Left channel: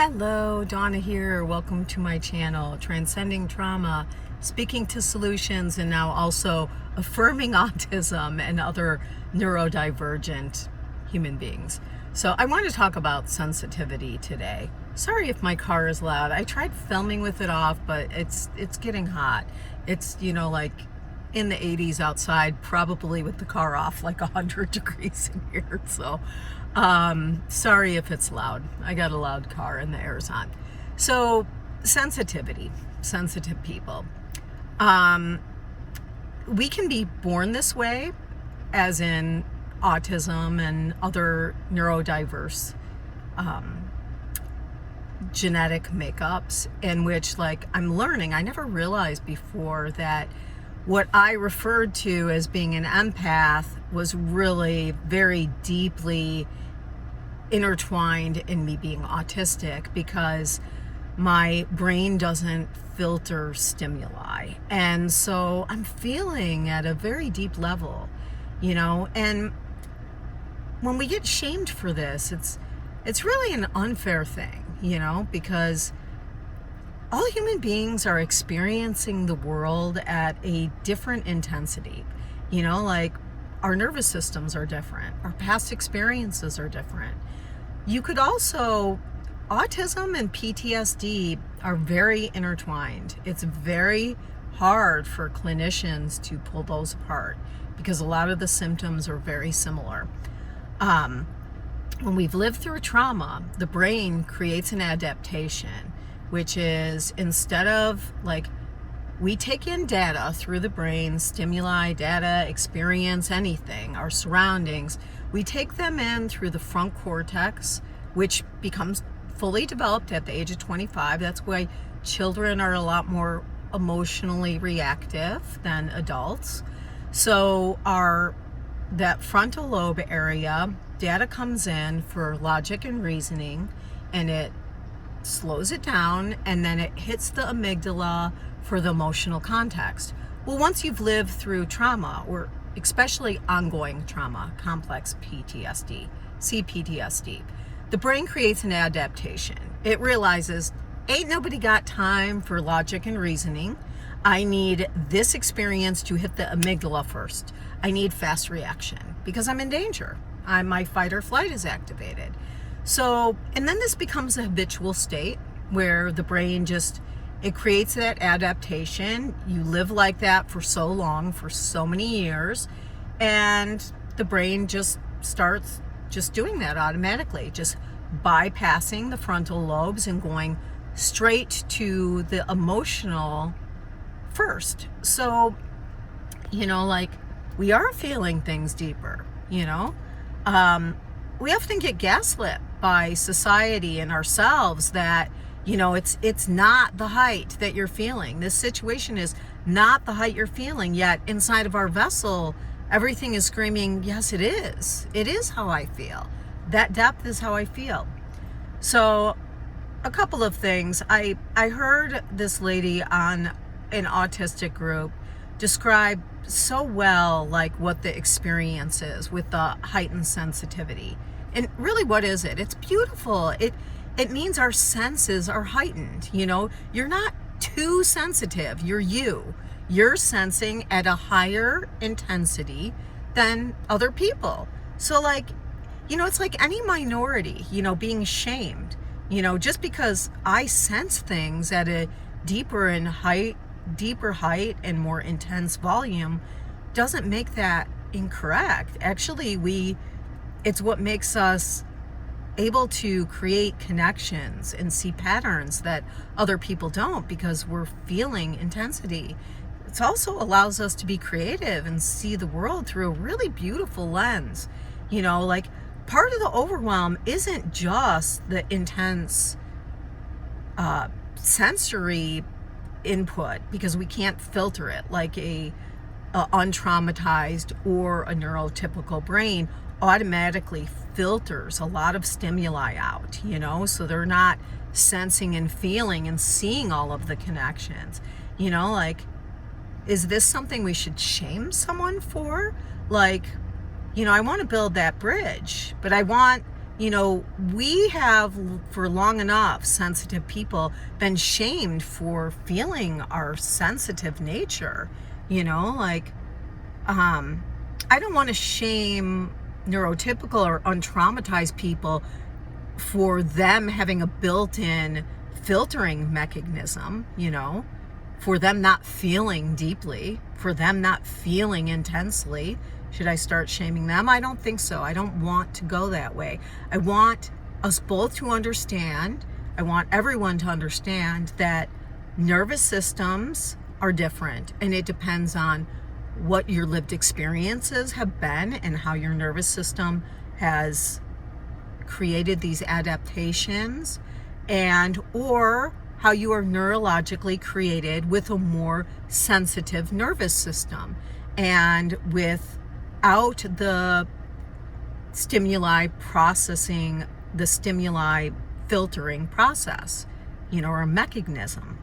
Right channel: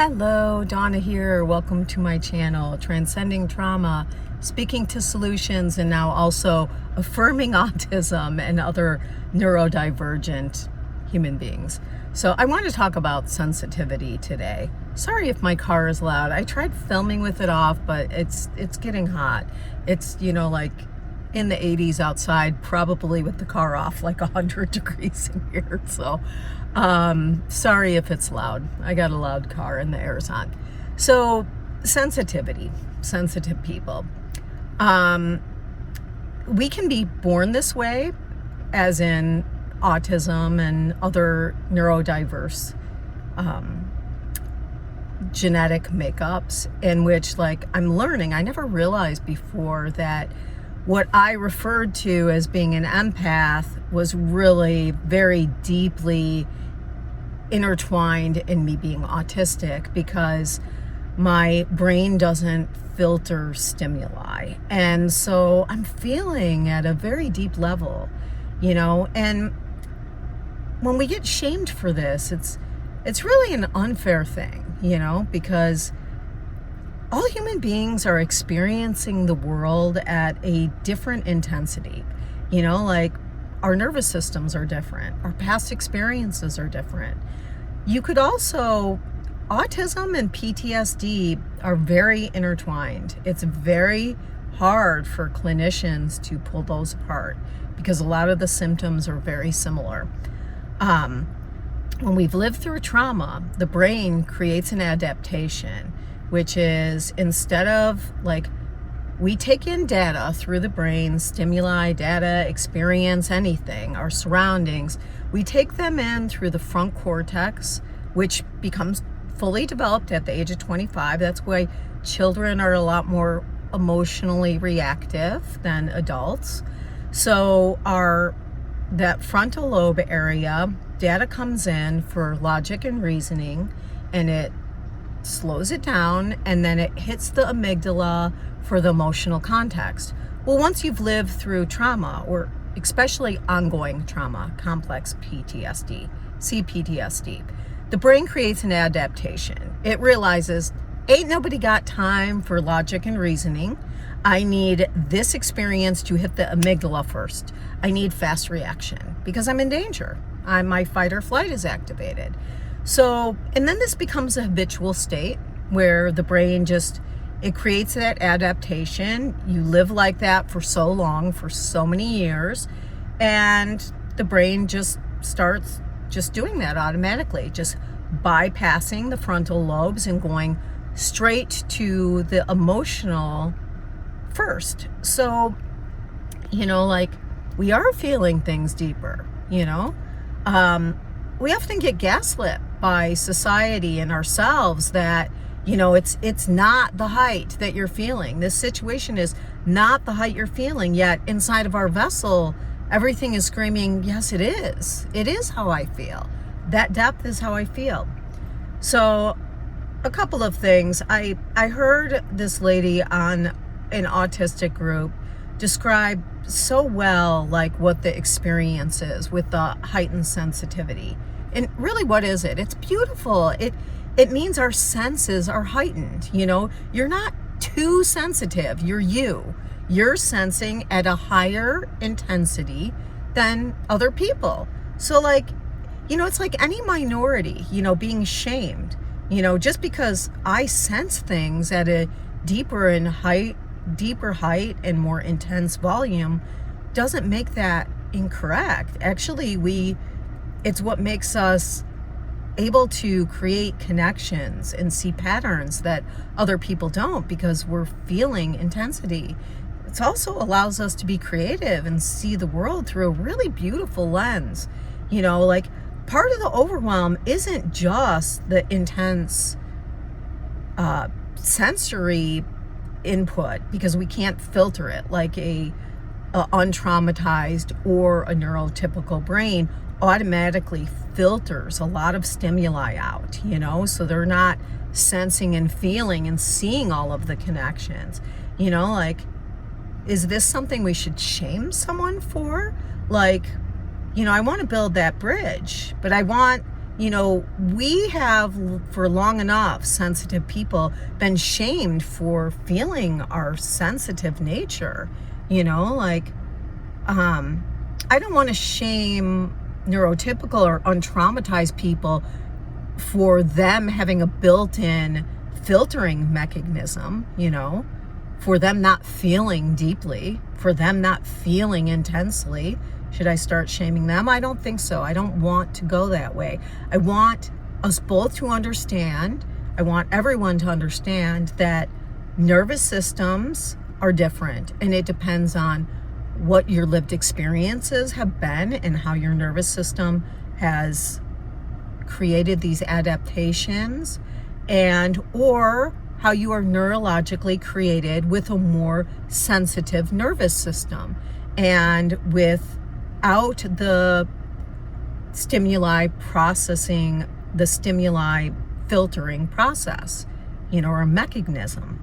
Hello, Donna here. Welcome to my channel, Transcending Trauma, speaking to solutions, and now also affirming autism and other neurodivergent human beings. So I want to talk about sensitivity today. Sorry if my car is loud. I tried filming with it off, but it's getting hot. It's, like in the 80s outside, probably with the car off, like 100 degrees in here. So sorry if it's loud. I got a loud car and the air's on. So sensitivity, sensitive people. We can be born this way, as in autism and other neurodiverse genetic makeups, in which, I'm learning, I never realized before that what I referred to as being an empath was really very deeply intertwined in me being autistic, because my brain doesn't filter stimuli. And so I'm feeling at a very deep level, and when we get shamed for this, it's really an unfair thing, because all human beings are experiencing the world at a different intensity. Our nervous systems are different. Our past experiences are different. You could also, autism and PTSD are very intertwined. It's very hard for clinicians to pull those apart because a lot of the symptoms are very similar. When we've lived through trauma, the brain creates an adaptation, which is, instead of we take in data through the brain, stimuli, data, experience, anything, our surroundings, we take them in through the front cortex, which becomes fully developed at the age of 25. That's why children are a lot more emotionally reactive than adults. So that frontal lobe area, data comes in for logic and reasoning, and it slows it down, and then it hits the amygdala for the emotional context. Well, once you've lived through trauma, or especially ongoing trauma, complex PTSD, CPTSD, the brain creates an adaptation. It realizes, ain't nobody got time for logic and reasoning. I need this experience to hit the amygdala first. I need fast reaction because I'm in danger. My fight or flight is activated. So, and then this becomes a habitual state where the brain it creates that adaptation. You live like that for so long, for so many years, and the brain just starts doing that automatically, just bypassing the frontal lobes and going straight to the emotional first. So, we are feeling things deeper, we often get gaslit by society and ourselves that, it's not the height that you're feeling. This situation is not the height you're feeling, yet inside of our vessel, everything is screaming, yes, it is. It is how I feel. That depth is how I feel. So a couple of things. I heard this lady on an autistic group describe so well what the experience is with the heightened sensitivity. And really, what is it? It's beautiful. It means our senses are heightened. You're not too sensitive. You're sensing at a higher intensity than other people. So it's like any minority, being shamed, just because I sense things at a deeper height and more intense volume doesn't make that incorrect. Actually, it's what makes us able to create connections and see patterns that other people don't, because we're feeling intensity. It also allows us to be creative and see the world through a really beautiful lens. Part of the overwhelm isn't just the intense sensory input, because we can't filter it like a untraumatized or a neurotypical brain automatically filters a lot of stimuli out, so they're not sensing and feeling and seeing all of the connections. Is this something we should shame someone for? I want to build that bridge, but I want we have for long enough, sensitive people, been shamed for feeling our sensitive nature. Like, I don't want to shame neurotypical or untraumatized people for them having a built-in filtering mechanism, for them not feeling deeply, for them not feeling intensely. Should I start shaming them? I don't think so. I don't want to go that way. I want us both to understand, I want everyone to understand that nervous systems are different, and it depends on what your lived experiences have been and how your nervous system has created these adaptations, and or how you are neurologically created with a more sensitive nervous system, and without the stimuli processing, the stimuli filtering process, or a mechanism.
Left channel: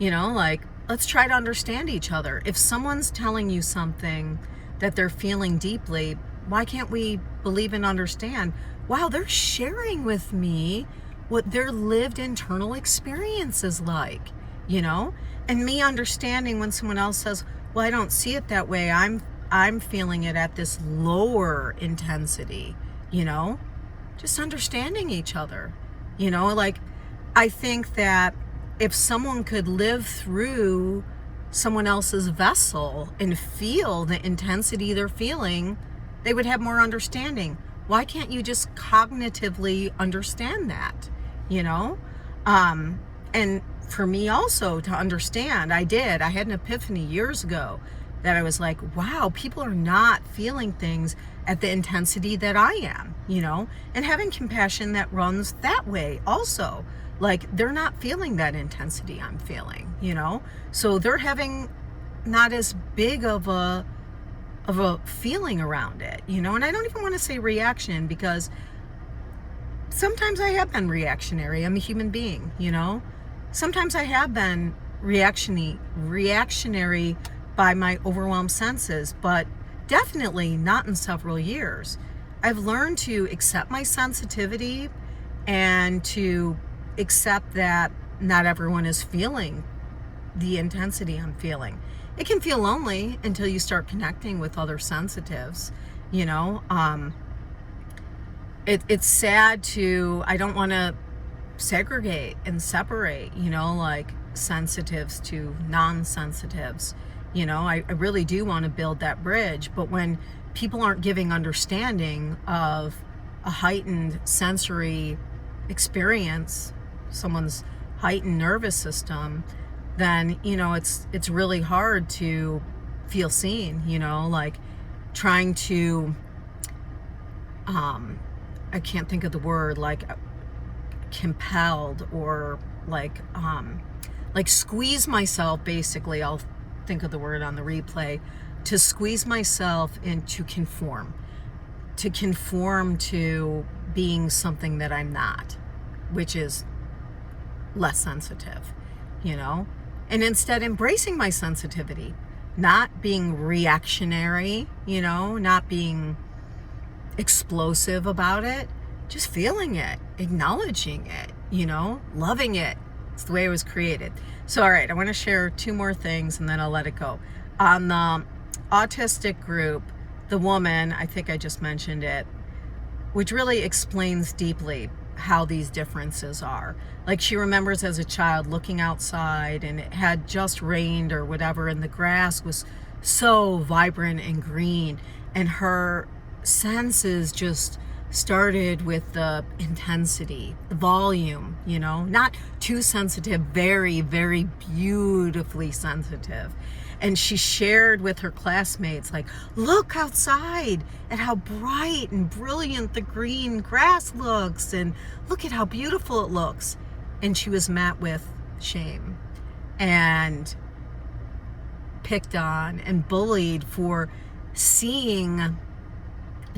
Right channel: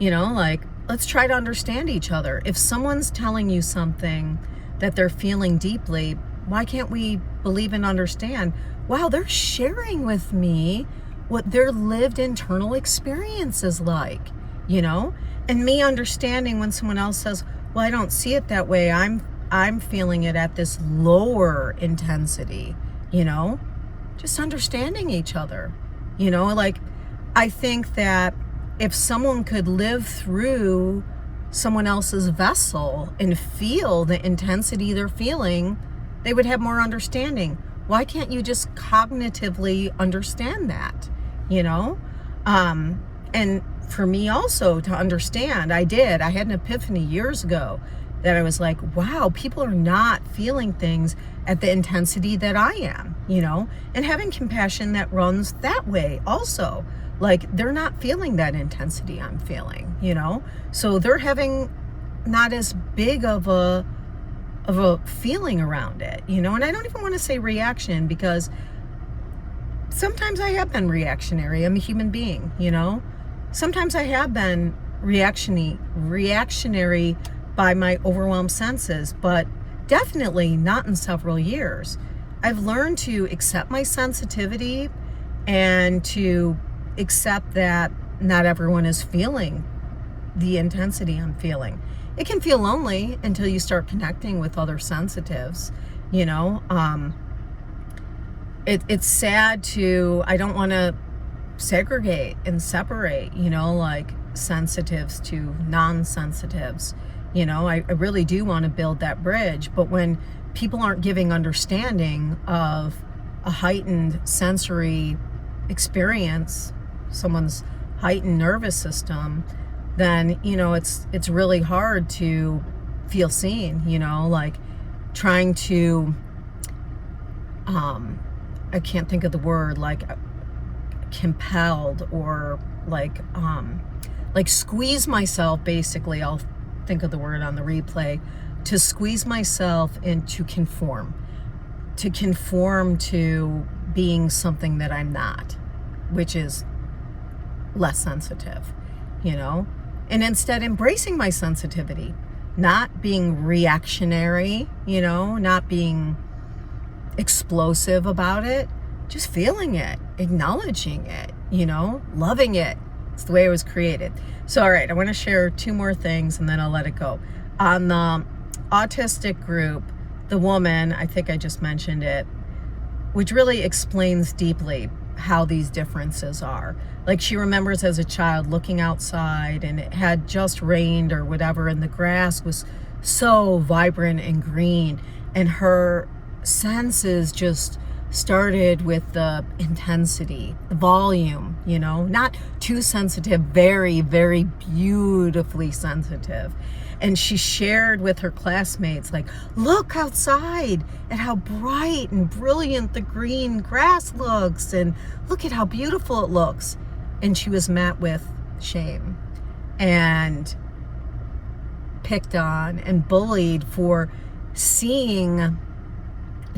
Like, let's try to understand each other. If someone's telling you something that they're feeling deeply, why can't we believe and understand, wow, they're sharing with me what their lived internal experience is like, and me understanding when someone else says, well, I don't see it that way. I'm feeling it at this lower intensity, just understanding each other, like, I think that if someone could live through someone else's vessel and feel the intensity they're feeling, they would have more understanding. Why can't you just cognitively understand that, And for me also to understand, I had an epiphany years ago that I was like, wow, people are not feeling things at the intensity that I am, and having compassion that runs that way also. Like, they're not feeling that intensity I'm feeling, so they're having not as big of a feeling around it, and I don't even want to say reaction, because sometimes I have been reactionary. I'm a human being, sometimes I have been reactionary by my overwhelmed senses, but definitely not in several years. I've learned to accept my sensitivity and to accept that not everyone is feeling the intensity I'm feeling. It can feel lonely until you start connecting with other sensitives, it's sad I don't want to segregate and separate, like sensitives to non-sensitives. I really do want to build that bridge, but when people aren't giving understanding of a heightened sensory experience, someone's heightened nervous system, then it's really hard to feel seen, like trying to I can't think of the word, like compelled, or like squeeze myself, basically. I'll think of the word on the replay, to squeeze myself into to conform to being something that I'm not, which is less sensitive, and instead embracing my sensitivity, not being reactionary, not being explosive about it, just feeling it, acknowledging it, loving it. It's the way it was created. So, all right, I want to share two more things and then I'll let it go. On the autistic group, the woman, I think I just mentioned it, which really explains deeply how these differences are. Like, she remembers as a child looking outside and it had just rained or whatever, and the grass was so vibrant and green, and her senses just started with the intensity, the volume, not too sensitive, very, very beautifully sensitive. And she shared with her classmates, like, look outside at how bright and brilliant the green grass looks, and look at how beautiful it looks. And she was met with shame and picked on and bullied for seeing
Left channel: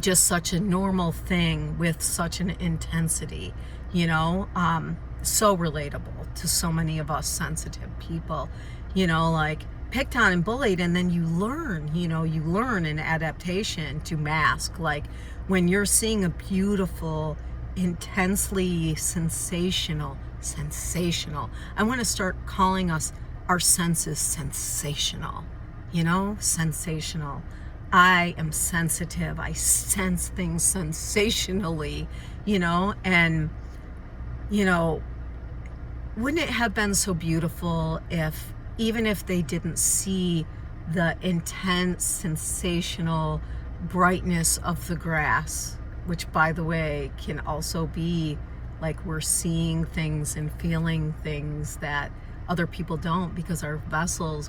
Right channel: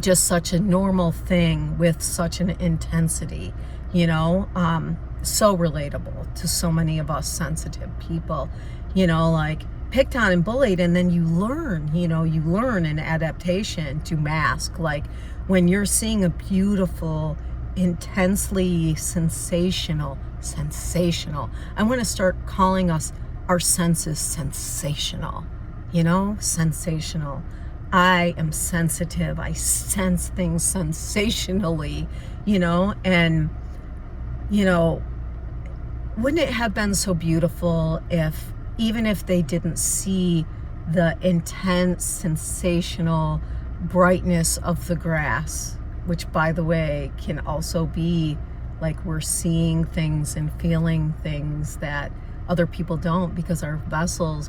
just such a normal thing with such an intensity, so relatable to so many of us sensitive people, like picked on and bullied. And then you learn an adaptation to mask, like, when you're seeing a beautiful, intensely sensational, I want to start calling us, our senses, sensational, sensational. I am sensitive. I sense things sensationally, and, wouldn't it have been so beautiful if, even if they didn't see the intense, sensational brightness of the grass, which, by the way, can also be like we're seeing things and feeling things that other people don't, because our vessels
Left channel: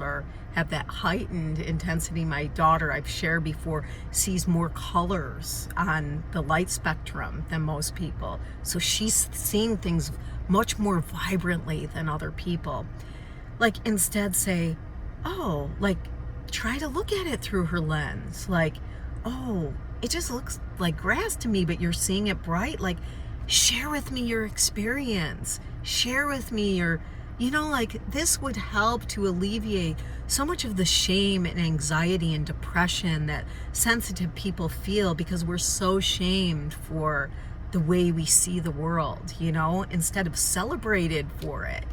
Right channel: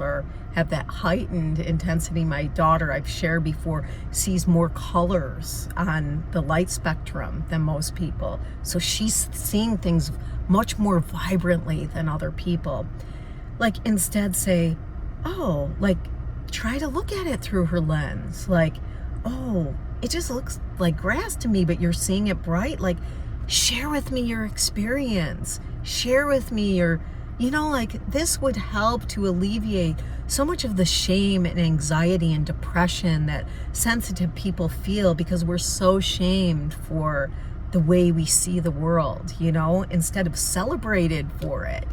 have that heightened intensity. My daughter, I've shared before, sees more colors on the light spectrum than most people. So she's seeing things much more vibrantly than other people. Like, instead say, oh, like, try to look at it through her lens. Like, oh, it just looks like grass to me, but you're seeing it bright. Like, share with me your experience. Share with me your, like, this would help to alleviate so much of the shame and anxiety and depression that sensitive people feel, because we're so shamed for the way we see the world, instead of celebrated for it,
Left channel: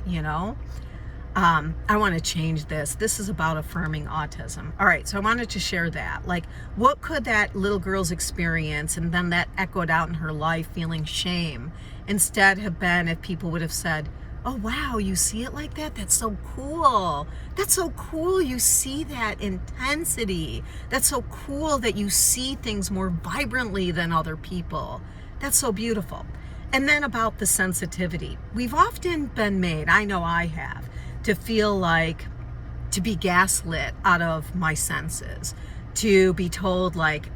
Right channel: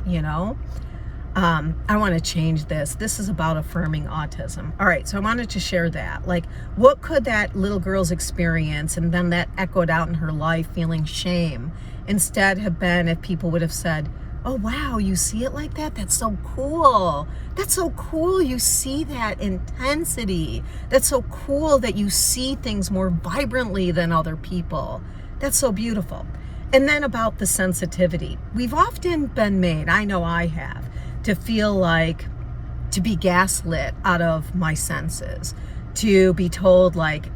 I want to change this. This is about affirming autism. All right, so I wanted to share that. Like, what could that little girl's experience, and then that echoed out in her life, feeling shame, instead have been if people would have said, oh, wow, you see it like that? That's so cool. That's so cool. You see that intensity. That's so cool that you see things more vibrantly than other people. That's so beautiful. And then about the sensitivity. We've often been made, I know I have, to feel like, to be gaslit out of my senses, to be told like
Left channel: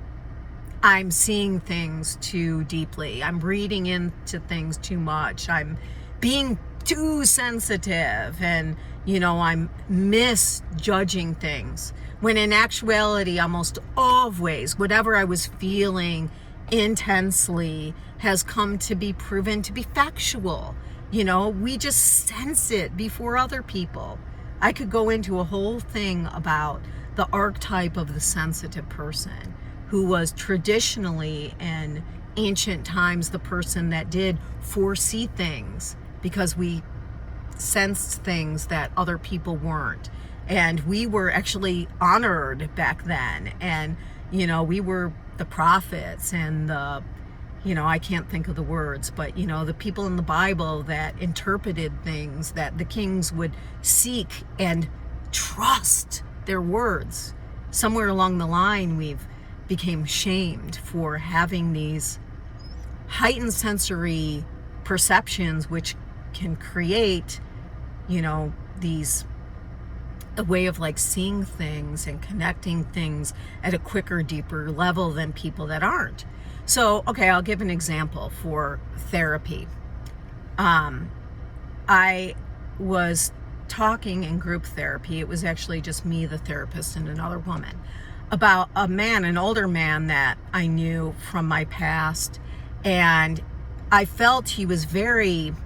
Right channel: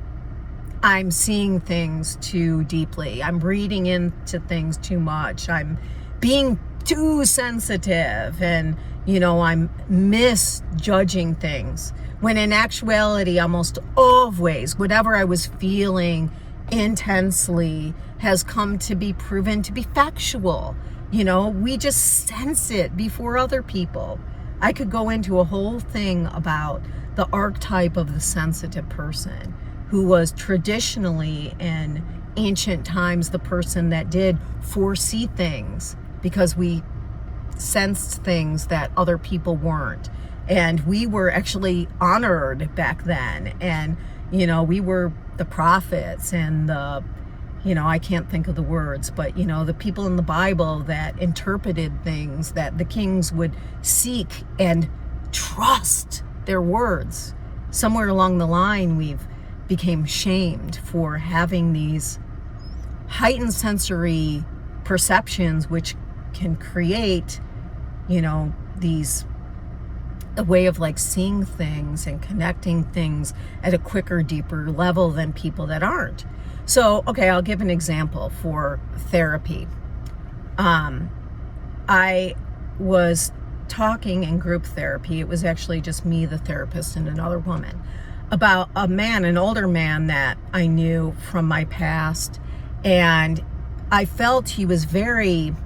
I'm seeing things too deeply, I'm reading into things too much, I'm being too sensitive, and I'm misjudging things, when in actuality almost always whatever I was feeling intensely has come to be proven to be factual. We just sense it before other people. I could go into a whole thing about the archetype of the sensitive person, who was traditionally in ancient times the person that did foresee things, because we sensed things that other people weren't. And we were actually honored back then. And, we were the prophets and the, I can't think of the words, but, the people in the Bible that interpreted things, that the kings would seek and trust their words. Somewhere along the line, we've became shamed for having these heightened sensory perceptions, which can create, a way of like seeing things and connecting things at a quicker, deeper level than people that aren't. So, okay, I'll give an example for therapy. I was talking in group therapy. It was actually just me, the therapist, and another woman, about a man, an older man that I knew from my past. And I felt he was the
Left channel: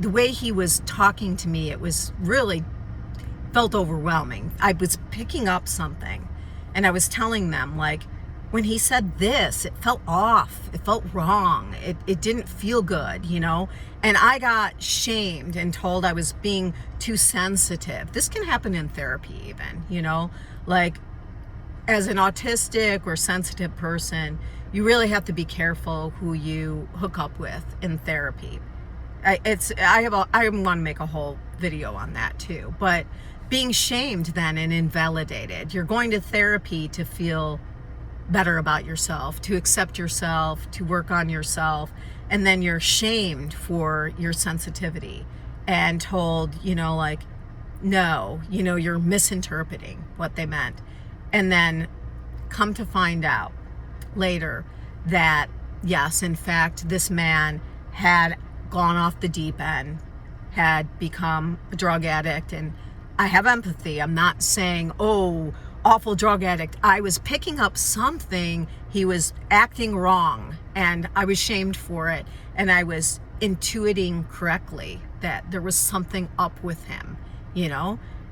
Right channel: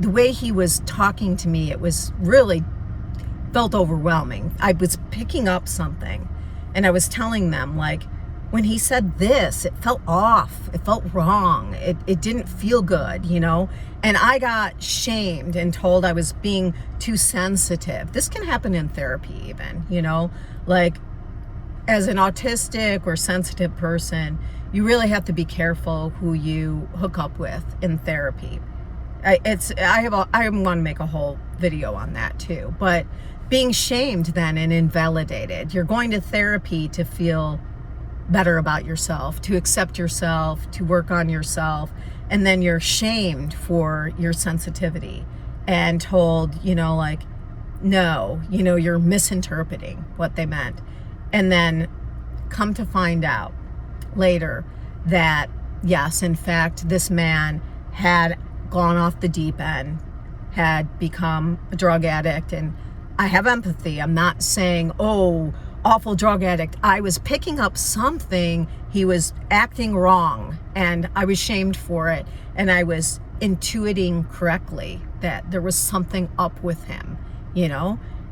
way he was talking to me, it was really felt overwhelming. I was picking up something, and I was telling them, like, when he said this, it felt off, it felt wrong, it didn't feel good, and I got shamed and told I was being too sensitive. This can happen in therapy even, like, as an autistic or sensitive person, you really have to be careful who you hook up with in therapy. I want to make a whole video on that too, but being shamed then and invalidated. You're going to therapy to feel better about yourself, to accept yourself, to work on yourself, and then you're shamed for your sensitivity and told, like, no, you're misinterpreting what they meant. And then come to find out later that, yes, in fact, this man had gone off the deep end, had become a drug addict. And I have empathy. I'm not saying, oh, awful drug addict. I was picking up something. He was acting wrong, and I was shamed for it. And I was intuiting correctly that there was something up with him,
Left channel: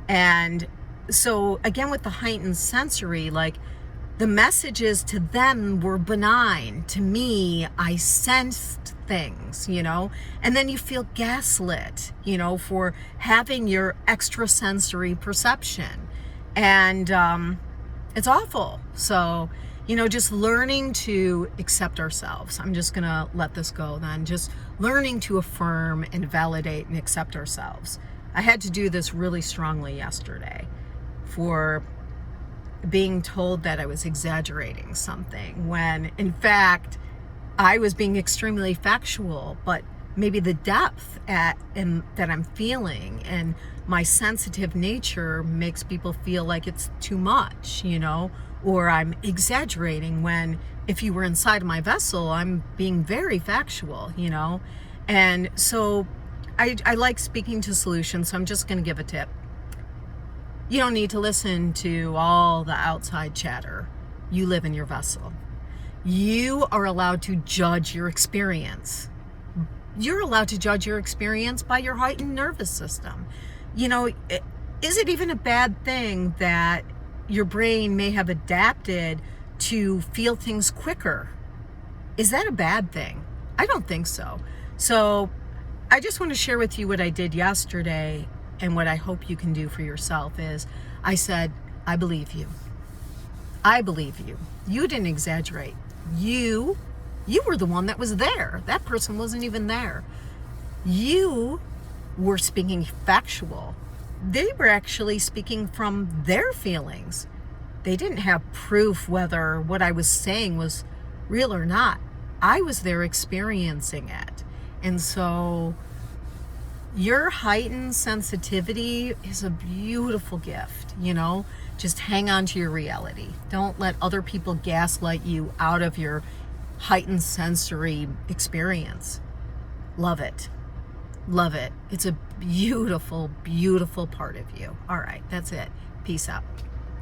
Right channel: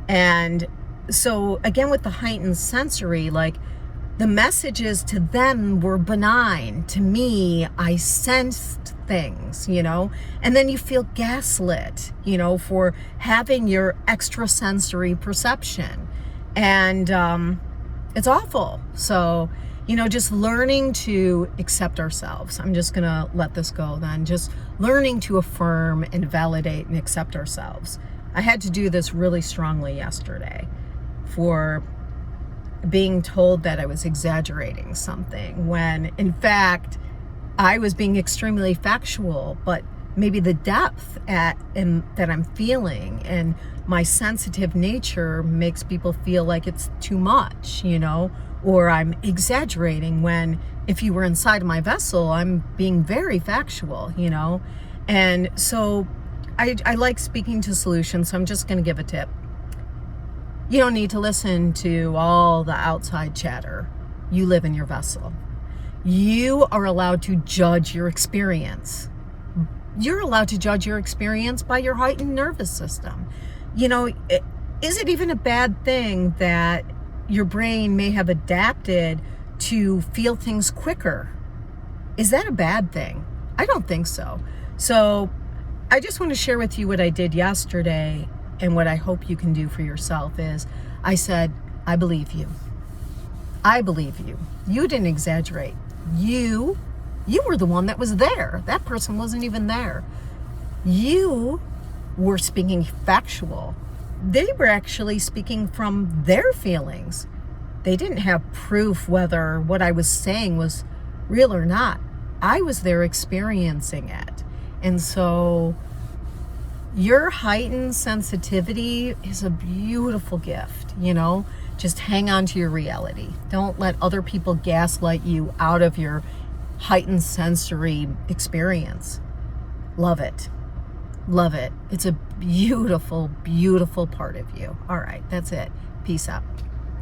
And so again, with the heightened sensory, like, the messages to them were benign. To me, I sensed things, and then you feel gaslit, for having your extrasensory perception. And it's awful. So, just learning to accept ourselves. I'm just going to let this go then. Just learning to affirm and validate and accept ourselves. I had to do this really strongly yesterday for being told that I was exaggerating something when in fact I was being extremely factual, but maybe the depth that I'm feeling and my sensitive nature makes people feel like it's too much, or I'm exaggerating when if you were inside my vessel, I'm being very factual, And so I like speaking to solutions, so I'm just going to give a tip. You don't need to listen to all the outside chatter. You live in your vessel. You are allowed to judge your experience. You're allowed to judge your experience by your heightened nervous system. Is it even a bad thing that your brain may have adapted to feel things quicker? Is that a bad thing? I don't think so. So I just want to share with you what I did yesterday. And what I hope you can do for yourself is, I said, I believe you. I believe you. You didn't exaggerate. You were the one that was there. That person wasn't even there. You were speaking factual. They were actually speaking from their feelings. They didn't have proof whether what I was saying was real or not. I was there experiencing it. And so your heightened sensitivity is a beautiful gift, Just hang on to your reality. Don't let other people gaslight you out of your heightened sensory experience. Love it. Love it. It's a beautiful, beautiful part of you. All right, that's it. Peace out.